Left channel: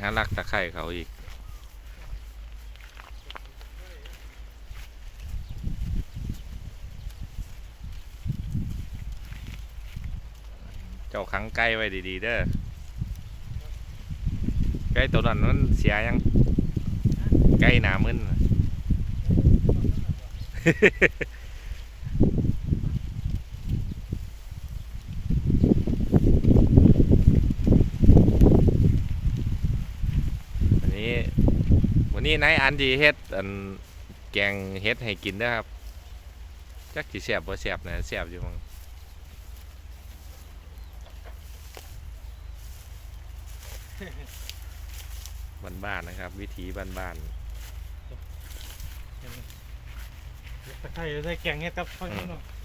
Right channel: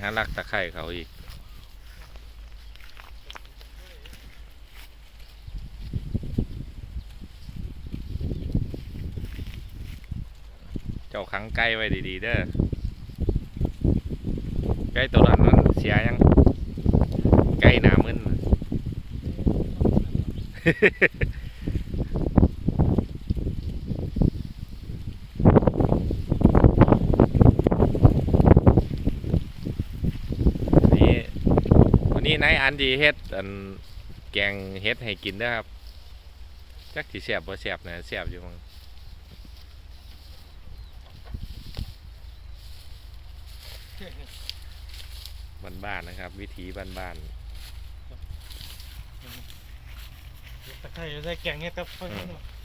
หาลักตะไคร่เขาอีก เจ้าขังไก่ไว้ดีๆเด้อไก่ตัวนั้นมันเสียยังไก่หนามึนวันนี้ วันนี้นายอันดีเฮ็ดอันแกงเฮ็ดให้กินเด้อครับจักสิแซ่บบ่แซ่บนะแซ่บอยู่มั้งบ้านๆนะครับ วิถีบ้านตะไคร้ใส่แกงเห็ดครับพ่อพี่น้องๆ